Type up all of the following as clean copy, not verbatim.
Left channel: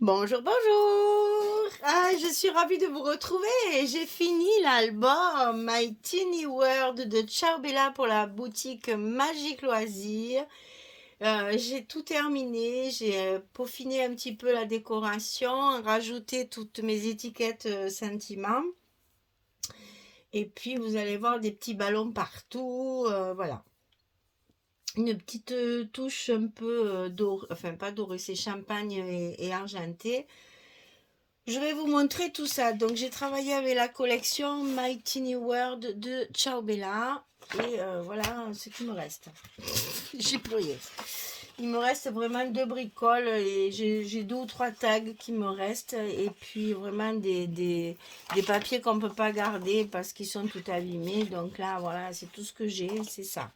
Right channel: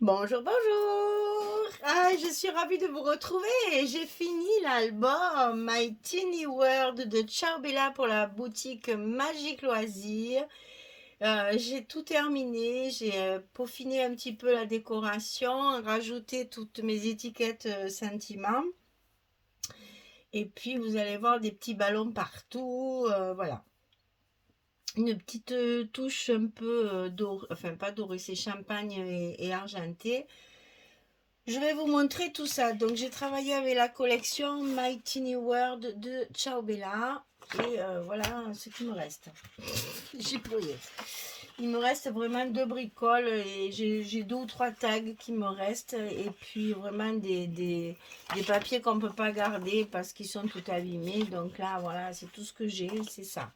Bonjour, bonjour! Ah, je suis ravie de vous retrouver et j'ai fini l'album My Teeny World de Ciao Bella pour la boutique Magique Loisirs. J'ai tout terminé, j'ai peaufiné un petit peu la décoration, rajouté toutes mes étiquettes sentiments et puis vous allez voir des petits ballons partout, voilà. Une petite touche un peu dorée, enfin pas dorée, c'est champagne et argenté. Je vais vous montrer tout ça. Donc, j'ai travaillé avec la collection My Teeny World de Ciao Bella. Et voilà ce qui me reste. J'ai plié. Il me reste vraiment deux bricoles et j'ai deux ou trois tags qui me restent. Et puis vraiment des papiers qu'on ne peut pas garder parce qu'ils sont tout abîmés. Donc là, voilà, c'est tout ce que j'ai. C'est ça.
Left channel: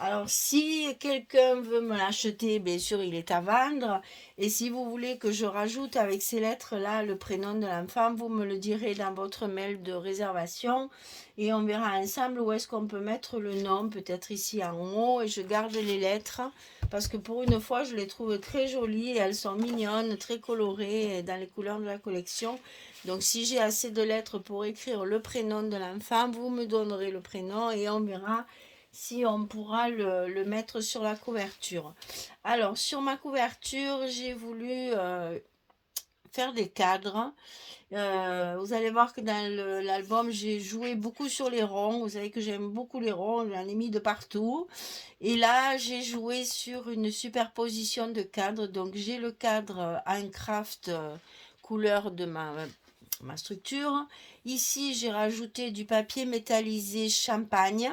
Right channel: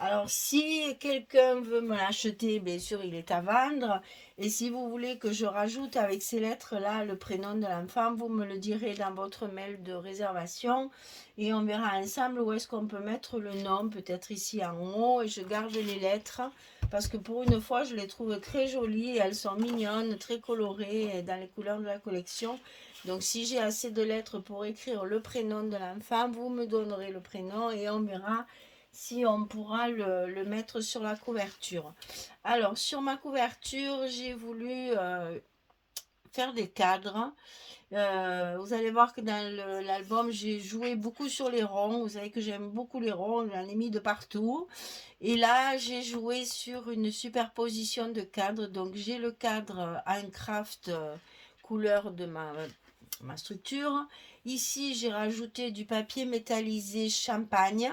Alors, si quelqu'un veut me l'acheter, bien sûr, il est à vendre. Et si vous voulez que je rajoute avec ces lettres-là le prénom de l'enfant, vous me le direz dans votre mail de réservation. Et on verra ensemble où est-ce qu'on peut mettre le nom, peut-être ici en haut. Et je garde les lettres parce que pour une fois, je les trouve très jolies. Elles sont mignonnes, très colorées dans les couleurs de la collection. Donc, si j'ai assez de lettres pour écrire le prénom de l'enfant, vous me donnerez le prénom et on verra si on pourra le mettre sur la couverture. Alors, sur ma couverture, j'ai voulu faire des cadres. Vous allez voir que dans l'album, j'ai joué beaucoup sur les ronds. Vous savez que j'aime beaucoup les ronds, j'en ai mis de partout. Et là, j'ai joué sur une superposition de cadres. Donc, j'ai le cadre en craft couleur de ma structure. Ici, j'ai rajouté du papier métallisé champagne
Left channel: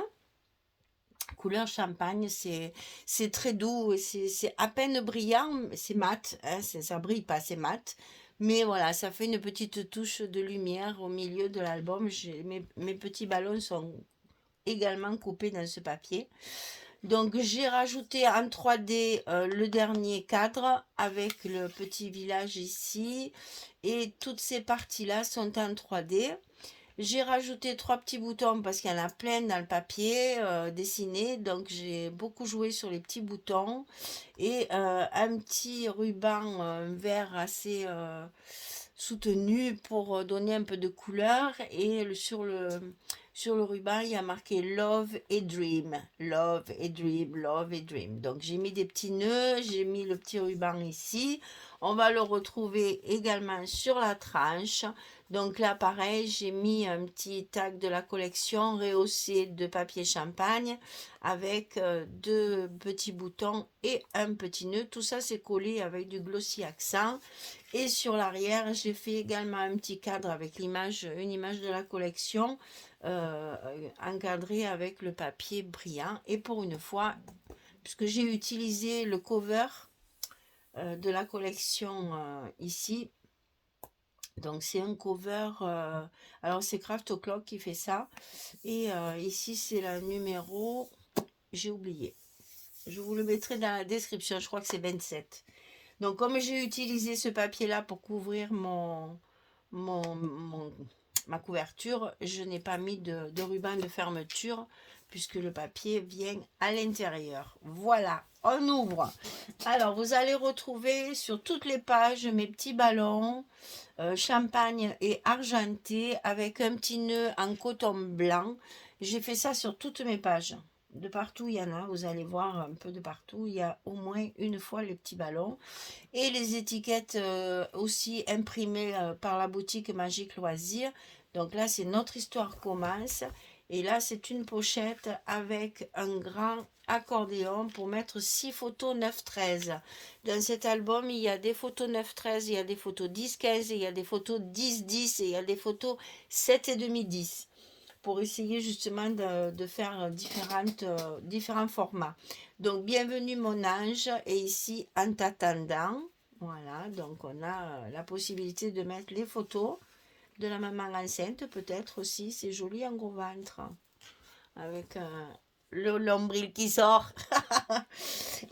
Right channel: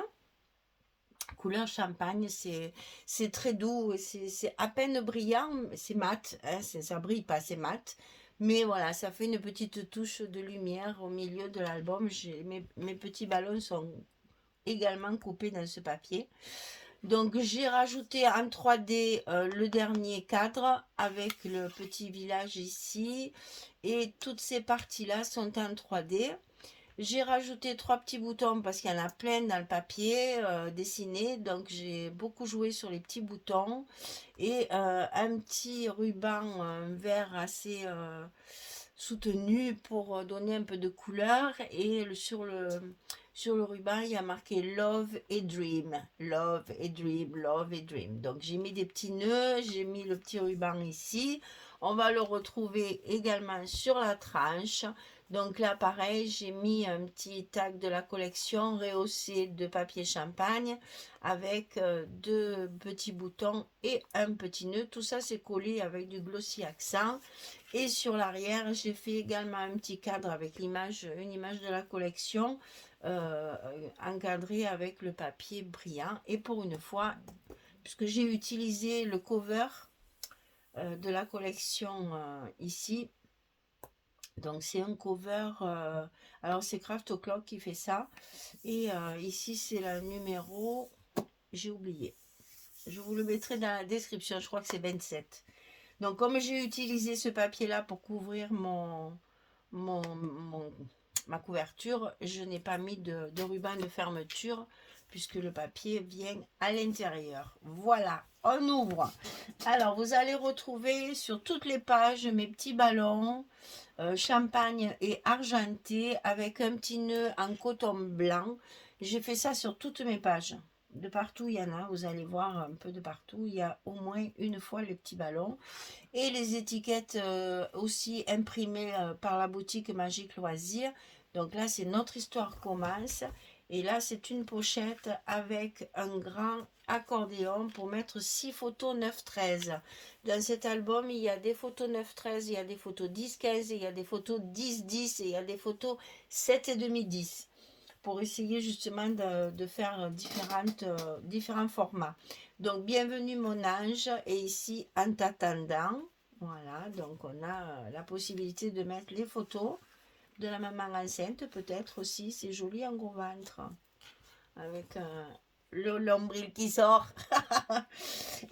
couleur champagne, c'est très doux, c'est à peine brillant, c'est mat, hein, ça brille pas, c'est mat. Mais voilà, ça fait une petite touche de lumière au milieu de l'album. Mes petits ballons sont également coupés dans ce papier. Donc j'ai rajouté en 3D le dernier cadre avec le petit village ici. Et toutes ces parties-là sont en 3D. J'ai rajouté trois petits boutons parce qu'il y en a plein dans le papier dessiné. Donc j'ai beaucoup joué sur les petits boutons. Et un petit ruban vert assez soutenu pour donner un peu de couleur. Et sur le ruban, il y a marqué Love et Dream. Love et Dream, Love et Dream. Donc j'ai mis des petits nœuds, j'ai mis le petit ruban ici. On va le retrouver également sur la tranche. Donc là, pareil, j'ai mis un petit tag de la collection rehaussé de papier champagne avec deux petits boutons et un petit nœud. Tout ça, c'est collé avec du glossy accent. Et sur l'arrière, j'ai fait également un petit cadre avec une image de la collection euh, encadrée avec le papier brillant. Et pour une fois, puisque j'ai utilisé le cover de la collection ici, donc c'est un cover, alors c'est Craft O'Clock qui fait ça. Et ici c'est la numéro, j'ai oublié. Je vous le mettrai dans la description, je crois que c'est 27. Donc comme j'ai utilisé ce papier-là pour couvrir mon, mon- ma couverture, je n'ai pas mis de ruban de fermeture puisque le papier vient à l'intérieur. Voilà, on ouvre. Alors vous allez retrouver sur toutes les pages mes petits ballons champagne et argenté avec un petit nœud en coton blanc. J'ai fait ça sur toutes mes pages. De partout, il y en a, vous allez voir un peu de partout, il y a au moins une fois les petits ballons. Et les étiquettes aussi imprimées par la boutique Magique Loisirs. Donc là, c'est Notre Histoire commence. Et là, c'est une pochette avec un grand accordéon pour mettre 6 photos 9-13. Dans cet album, il y a des photos 9-13, il y a des photos 10-15, il y a des photos 10-10 et il y a des photos 7,5-10 pour essayer justement de faire différents formats. Donc, bienvenue mon ange et ici en t'attendant. Voilà, donc on a la possibilité de mettre les photos de la maman enceinte peut-être aussi. C'est joli en gros ventre avec le lombril qui sort.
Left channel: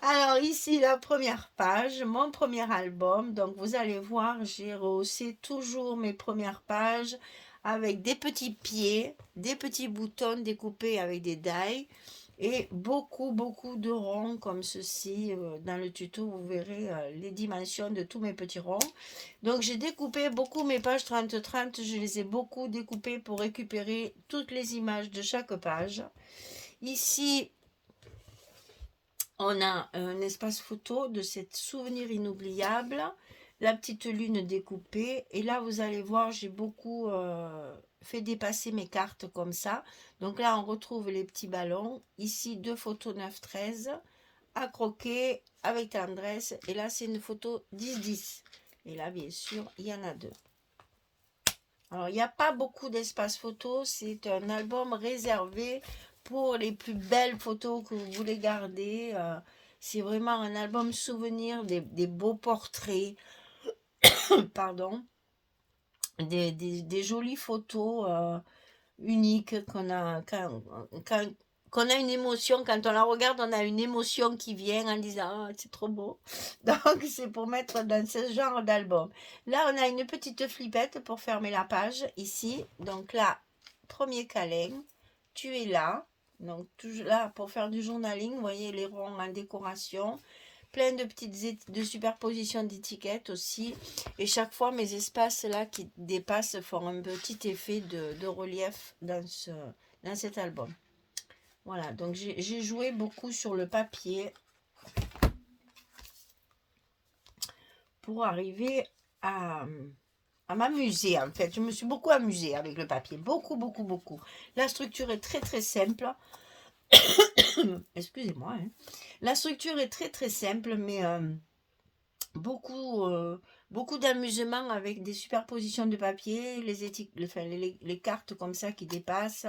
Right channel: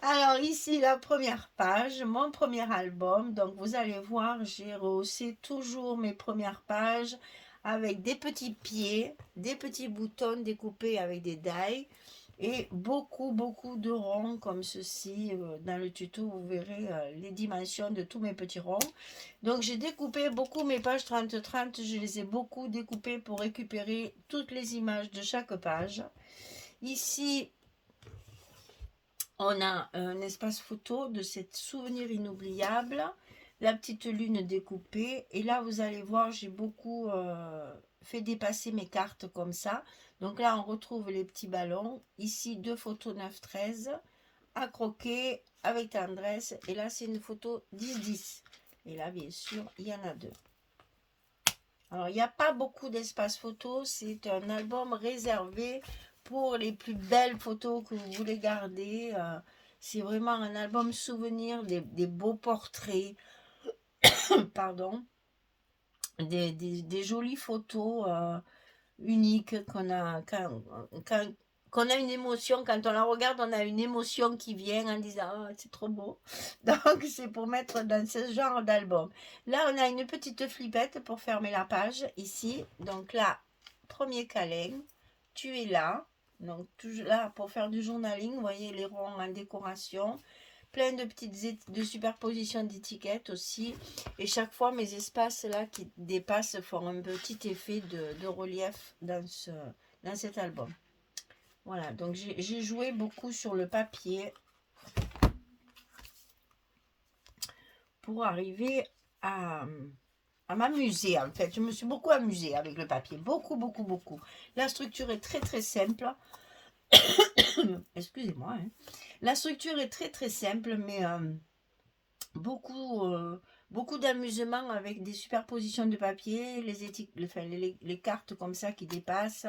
Alors ici la première page, mon premier album. Donc vous allez voir, j'ai rehaussé toujours mes premières pages avec des petits pieds, des petits boutons découpés avec des die et beaucoup de ronds comme ceci. Dans le tuto, vous verrez les dimensions de tous mes petits ronds. Donc j'ai découpé beaucoup mes pages 30-30, je les ai beaucoup découpées pour récupérer toutes les images de chaque page. Ici, on a un espace photo de cette souvenir inoubliable, la petite lune découpée. Et là, vous allez voir, j'ai beaucoup fait dépasser mes cartes comme ça. Donc là, on retrouve les petits ballons. Ici, deux photos 9-13 à croquer avec tendresse. Et là, c'est une photo 10-10. Et là, bien sûr, il y en a deux. Alors, il n'y a pas beaucoup d'espace photo. C'est un album réservé pour les plus belles photos que vous voulez garder. C'est vraiment un album souvenir, des beaux portraits, pardon, des jolies photos uniques qu'on a une émotion. Quand on la regarde, on a une émotion qui vient en disant oh, c'est trop beau. Donc, c'est pour mettre dans ce genre d'album. Là, on a une petite flippette pour fermer la page ici. Donc là, premier câlin, tu es là. Donc, toujours là pour faire du journaling, vous voyez les ronds en décoration, plein de petites de superpositions d'étiquettes aussi. Et chaque fois, mes espaces là qui dépassent font un petit effet de relief dans cet album. Voilà, donc j'ai joué beaucoup sur le papier pour arriver à m'amuser en fait. Je me suis beaucoup amusée avec le papier, beaucoup. La structure est très simple. Excusez-moi. Hein. La structure est très simple, mais beaucoup d'amusement avec des superpositions de papier, les cartes comme ça qui dépassent.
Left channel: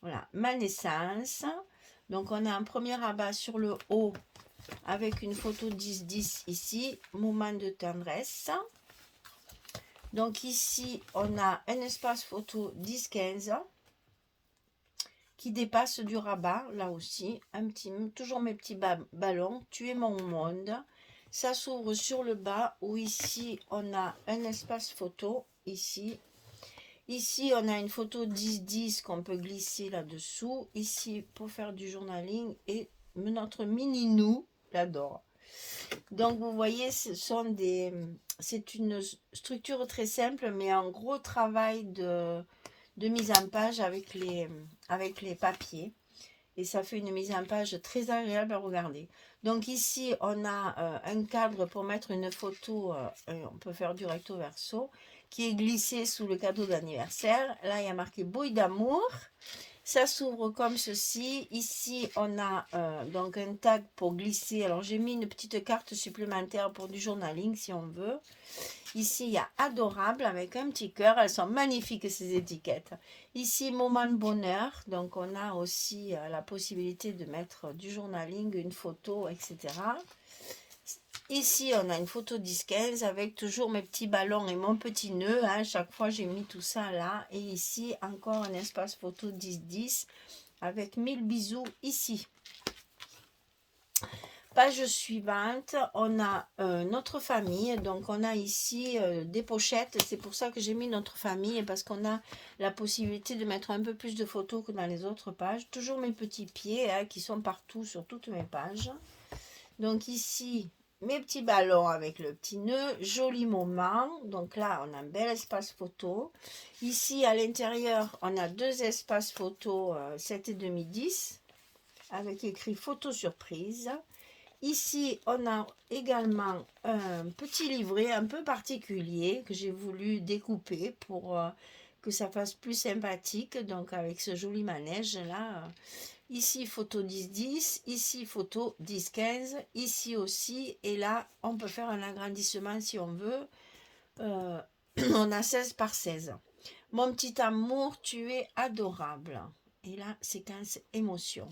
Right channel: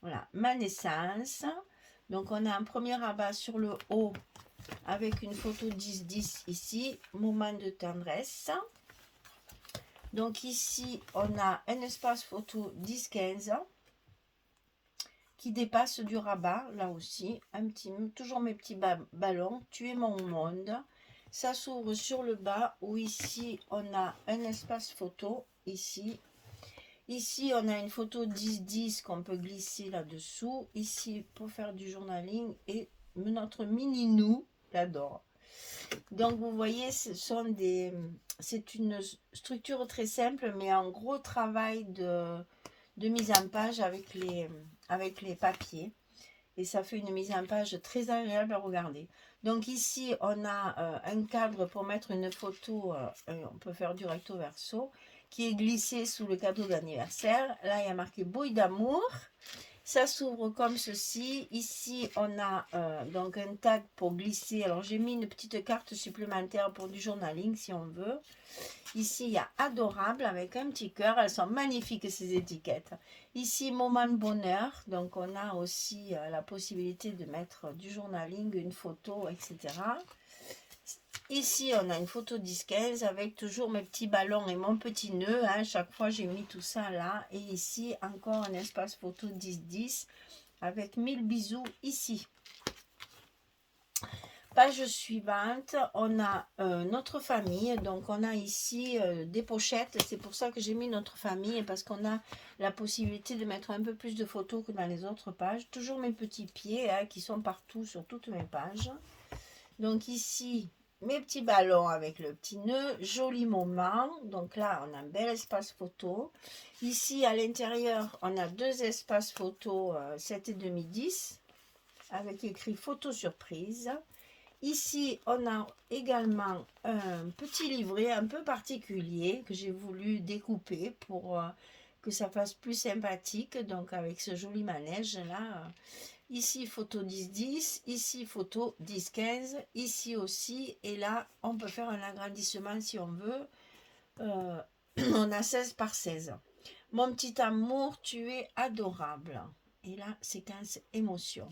Voilà, ma naissance. Donc on a un premier rabat sur le haut avec une photo 10-10 ici, moment de tendresse. Donc ici on a un espace photo 10-15 qui dépasse du rabat, là aussi, toujours mes petits ballons, tu es mon monde. Ça s'ouvre sur le bas, où ici, on a un espace photo, ici. Ici, on a une photo 10-10 qu'on peut glisser là-dessous. Ici, pour faire du journaling, et notre mini-nous, j'adore. Donc, vous voyez, c'est une structure très simple, mais un gros travail de mise en page avec les papiers. Et ça fait une mise en page très agréable à regarder. Donc ici, on a un cadre pour mettre une photo, on peut faire du recto verso, qui est glissé sous le cadeau d'anniversaire. Là, il y a marqué bouille d'amour. Ça s'ouvre comme ceci. Ici, on a donc un tag pour glisser. Alors, j'ai mis une petite carte supplémentaire pour du journaling, si on veut. Ici, il y a adorable avec un petit cœur. Elles sont magnifiques, ces étiquettes. Ici, moment de bonheur. Donc, on a aussi la possibilité de mettre du journaling, une photo, etc. Ici, on a une photo 10-15 avec toujours mes petits ballons et mon petit nœud. Hein. Chaque fois, j'ai mis tout ça là. Et ici, encore un espace photo 10-10 avec 1000 bisous ici. Page suivante, on a notre famille. Donc, on a ici des pochettes. C'est pour ça que j'ai mis notre famille, parce qu'on a la possibilité de mettre un peu plus de photos que dans les autres pages. Toujours mes petits pieds hein, qui sont partout sur toutes mes pages. Donc, ici, mes petits ballons avec le petit nœud. Joli moment. Donc là, on a un bel espace photo. Ici, à l'intérieur, on a deux espaces photo 7,5 10 avec écrit photo surprise. Ici, on a également un petit livret un peu particulier que j'ai voulu découper pour que ça fasse plus sympathique. Donc, avec ce joli manège-là. Ici, photo 10-10. Ici, photo 10-15. Ici aussi. Et là, on peut faire un agrandissement si on veut. On a 16 par 16. Mon petit amour, tu es adorable. Et là, séquence émotion.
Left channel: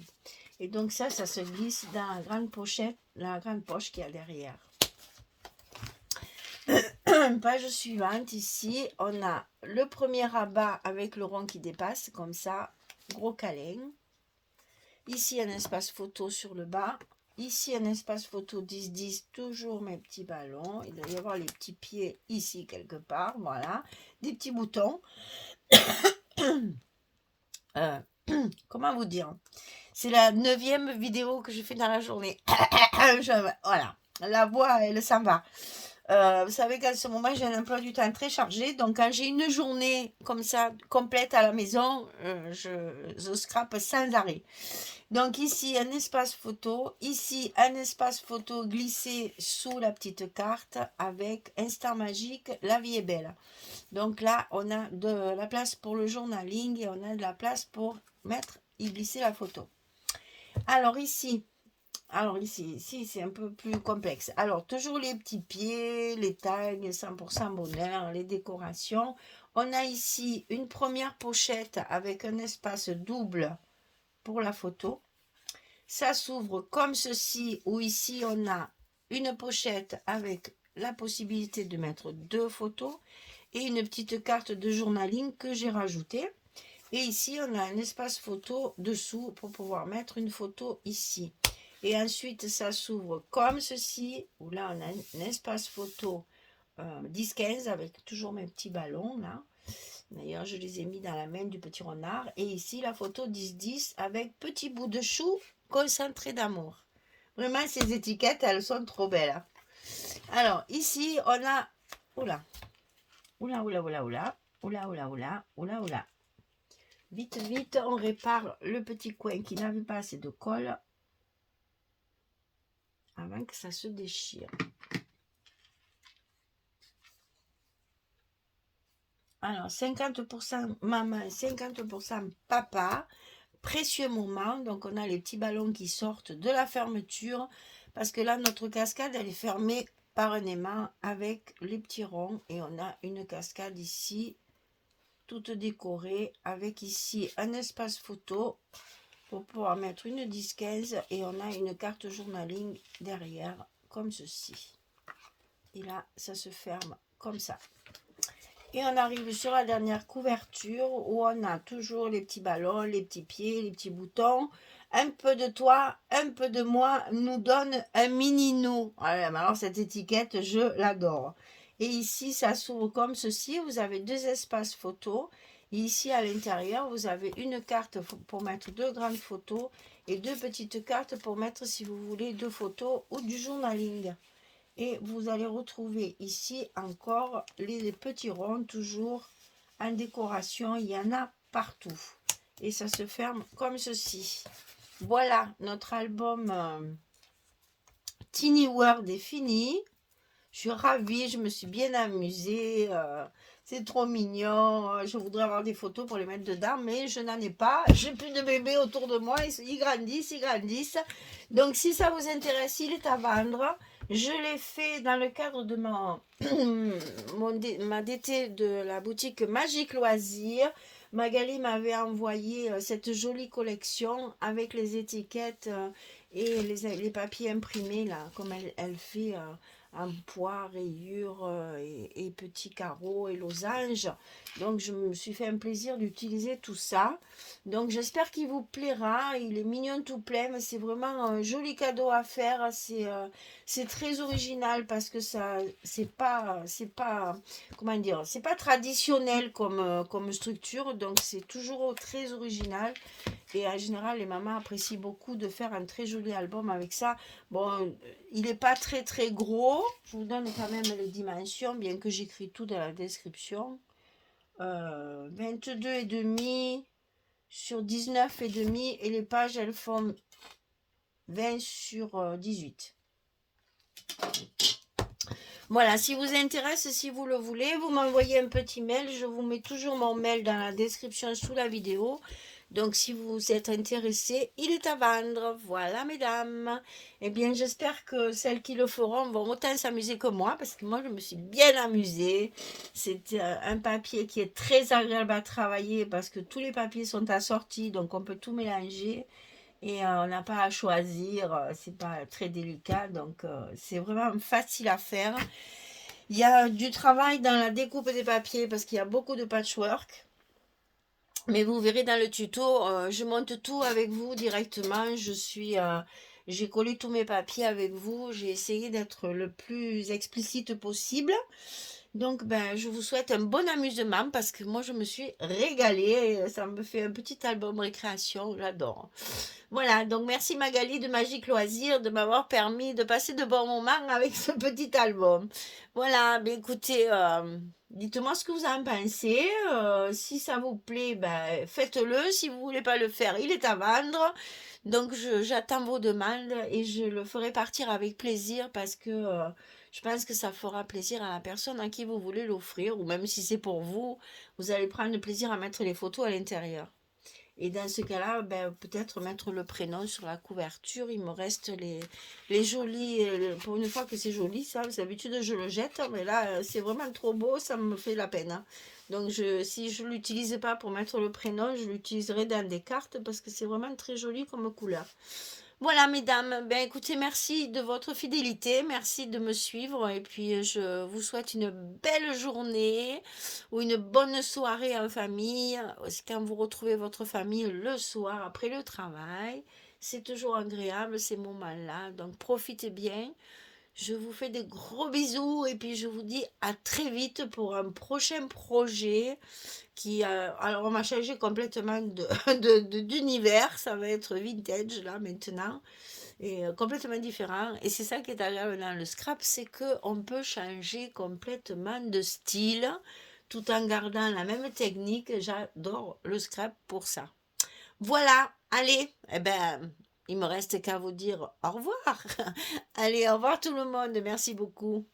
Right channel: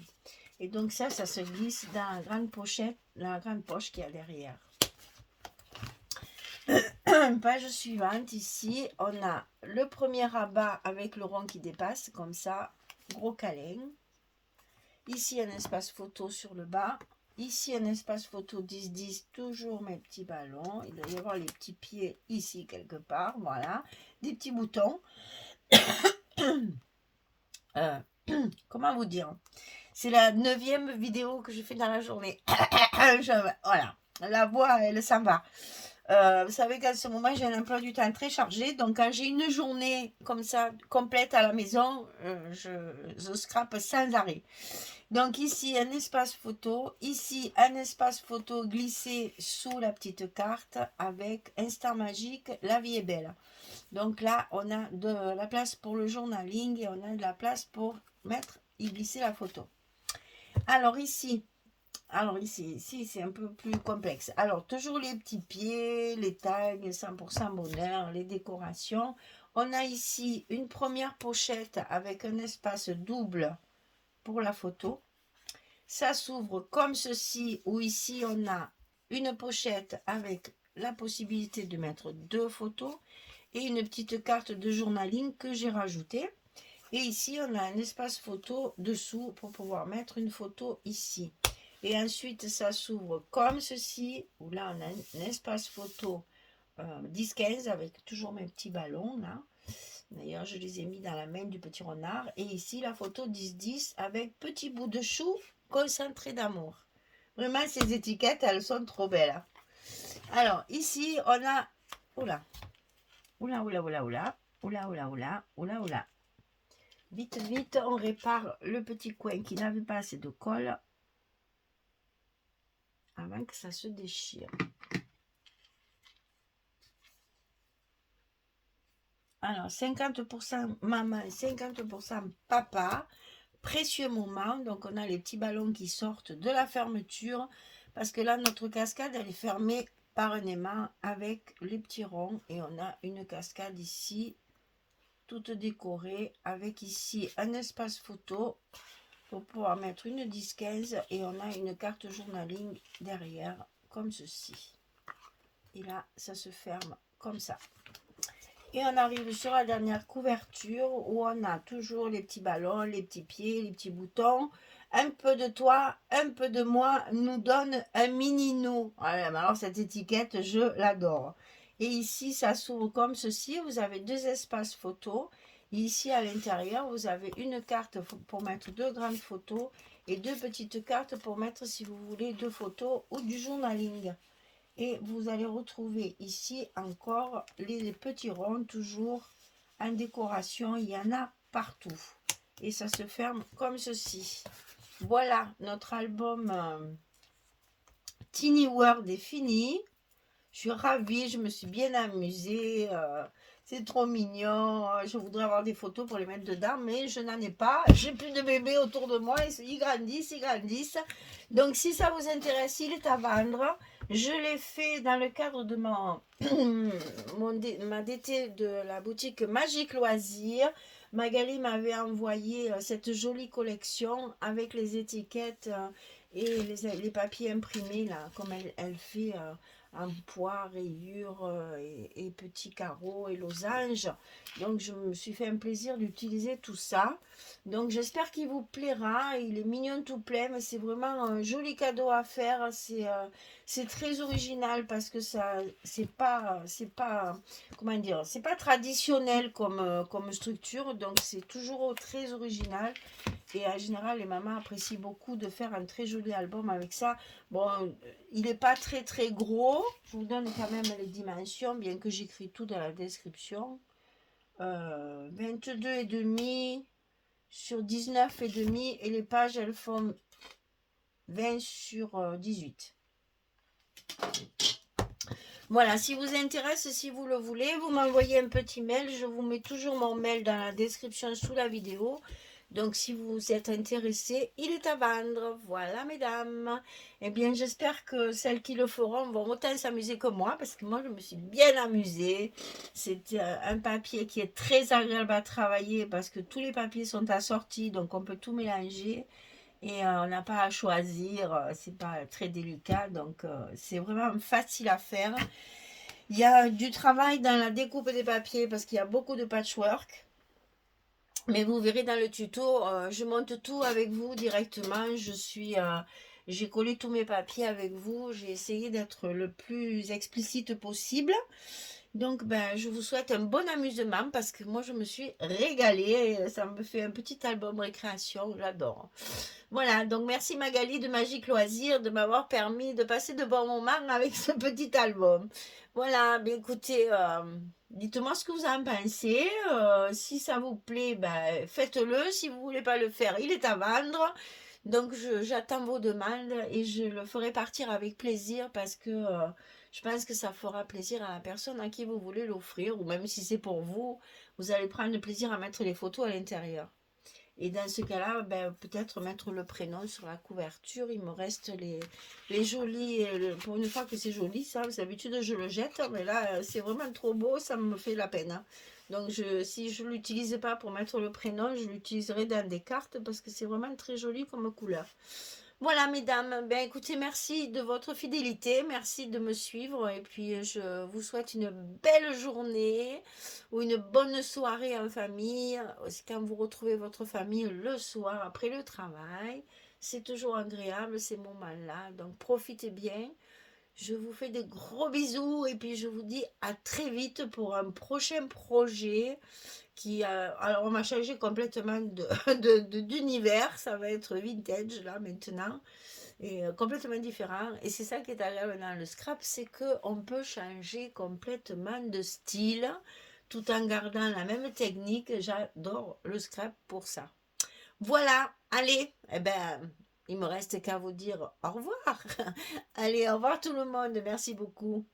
Et donc ça se glisse dans la grande pochette, la grande poche qu'il y a derrière. Page suivante, ici, on a le premier rabat avec le rond qui dépasse, comme ça, gros câlin. Ici, un espace photo sur le bas. Ici, un espace photo 10-10, toujours mes petits ballons. Il doit y avoir les petits pieds ici quelque part, voilà. Des petits boutons. Comment vous dire ? C'est la 9e vidéo que je fais dans la journée. Voilà, la voix, elle s'en va. Vous savez qu'à ce moment, j'ai un emploi du temps très chargé. Donc, quand j'ai une journée comme ça, complète à la maison, je scrape sans arrêt. Donc, ici, un espace photo. Ici, un espace photo glissé sous la petite carte avec Instant Magique, la vie est belle. Donc là, on a de la place pour le journaling et on a de la place pour mettre et glisser la photo. Alors ici, c'est un peu plus complexe. Alors, toujours les petits pieds, les tags, 100% bonheur, les décorations. On a ici une première pochette avec un espace double pour la photo. Ça s'ouvre comme ceci, où ici, on a une pochette avec la possibilité de mettre 2 photos et une petite carte de journaling que j'ai rajoutée. Et ici, on a un espace photo dessous pour pouvoir mettre une photo ici. Et ensuite, ça s'ouvre comme ceci, où là, on a un espace photo 10-15 avec toujours mes petits ballons, là. D'ailleurs, je les ai mis dans la main du petit renard. Et ici, la photo 10-10 avec petit bout de chou concentré d'amour. Vraiment, ces étiquettes, elles sont trop belles. Hein. Alors, ici, on a... Oula. Oula, oula, oula, oula. Oula, oula, oula. Oula, oula. Vite, vite, on répare le petit coin qui n'avait pas assez de colle avant que ça se déchire. Alors, 50% maman, 50% papa. Précieux moment. Donc, on a les petits ballons qui sortent de la fermeture. Parce que là, notre cascade, elle est fermée par un aimant avec les petits ronds. Et on a une cascade ici, toute décorée, avec ici un espace photo pour pouvoir mettre une 10-15 et on a une carte journaling derrière comme ceci. Et là, ça se ferme comme ça. Et on arrive sur la dernière couverture où on a toujours les petits ballons, les petits pieds, les petits boutons. Un peu de toi, un peu de moi nous donne un mini nous. Voilà, alors cette étiquette, je l'adore. Et ici, ça s'ouvre comme ceci. Vous avez 2 espaces photos. Et ici, à l'intérieur, vous avez une carte pour mettre 2 grandes photos et 2 petites cartes pour mettre, si vous voulez, 2 photos ou du journaling. Et vous allez retrouver ici encore les petits ronds, toujours en décoration. Il y en a partout. Et ça se ferme comme ceci. Voilà, notre album Tiny World est fini. Je suis ravie, je me suis bien amusée. C'est trop mignon. Je voudrais avoir des photos pour les mettre dedans, mais je n'en ai pas. J'ai plus de bébés autour de moi. Ils grandissent, ils grandissent. Donc, si ça vous intéresse, il est à vendre. Je l'ai fait dans le cadre de ma DT de la boutique Magique Loisirs. Magali m'avait envoyé cette jolie collection avec les étiquettes et les papiers imprimés, là, comme elle fait en poids, rayures et petits carreaux et losanges. Donc, je me suis fait un plaisir d'utiliser tout ça. Donc, j'espère qu'il vous plaira. Il est mignon tout plein, mais c'est vraiment un joli cadeau à faire. C'est très original parce que ça, c'est pas, comment dire, c'est pas traditionnel comme structure. Donc, c'est toujours très original. Et en général, les mamans apprécient beaucoup de faire un très joli album avec ça. Bon, il n'est pas très très gros. Je vous donne quand même les dimensions, bien que j'écris tout dans la description. 22,5 sur 19,5 et les pages, elles font 20 sur 18. Voilà, si vous intéresse, si vous le voulez, vous m'envoyez un petit mail. Je vous mets toujours mon mail dans la description sous la vidéo. Donc, si vous êtes intéressé, il est à vendre. Voilà, mesdames. Eh bien, j'espère que celles qui le feront vont autant s'amuser que moi, parce que moi, je me suis bien amusée. C'est un papier qui est très agréable à travailler, parce que tous les papiers sont assortis, donc on peut tout mélanger. Et on n'a pas à choisir, c'est pas très délicat, donc c'est vraiment facile à faire. Il y a du travail dans la découpe des papiers, parce qu'il y a beaucoup de patchwork. Mais vous verrez dans le tuto, je monte tout avec vous directement. J'ai collé tous mes papiers avec vous. J'ai essayé d'être le plus explicite possible. Donc, ben, je vous souhaite un bon amusement parce que moi, je me suis régalée. Ça me fait un petit album récréation, j'adore. Voilà, donc merci Magali de Magique Loisir de m'avoir permis de passer de bons moments avec ce petit album. Voilà, bien écoutez, dites-moi ce que vous en pensez. Si ça vous plaît, ben, faites-le. Si vous voulez pas le faire, il est à vendre. Donc j'attends vos demandes et je le ferai partir avec plaisir parce que je pense que ça fera plaisir à la personne à qui vous voulez l'offrir ou même si c'est pour vous, vous allez prendre plaisir à mettre les photos à l'intérieur. Et dans ce cas-là, ben, peut-être mettre le prénom sur la couverture. Il me reste les jolis. Pour une fois que c'est joli, ça, d'habitude je le jette, mais là, c'est vraiment trop beau, ça me fait la peine, hein. Donc, si je ne l'utilise pas pour mettre le prénom, je l'utiliserai dans des cartes parce que c'est vraiment très joli comme couleur. Voilà, mesdames, ben écoutez, merci de votre fidélité, merci de me suivre et puis je vous souhaite une belle journée ou une bonne soirée en famille. Quand vous retrouvez votre famille le soir après le travail, c'est toujours agréable ces moments-là, donc profitez bien. Je vous fais des gros bisous et puis je vous dis à très vite pour un prochain projet qui alors on va changer complètement d'univers, ça va être vintage là maintenant et complètement différent. Et c'est ça qui est agréable dans le scrap, c'est que on peut changer complètement de style tout en gardant la même technique. J'adore le scrap pour ça. Voilà, allez, eh ben, il me reste qu'à vous dire au revoir. Allez, au revoir tout le monde, merci beaucoup.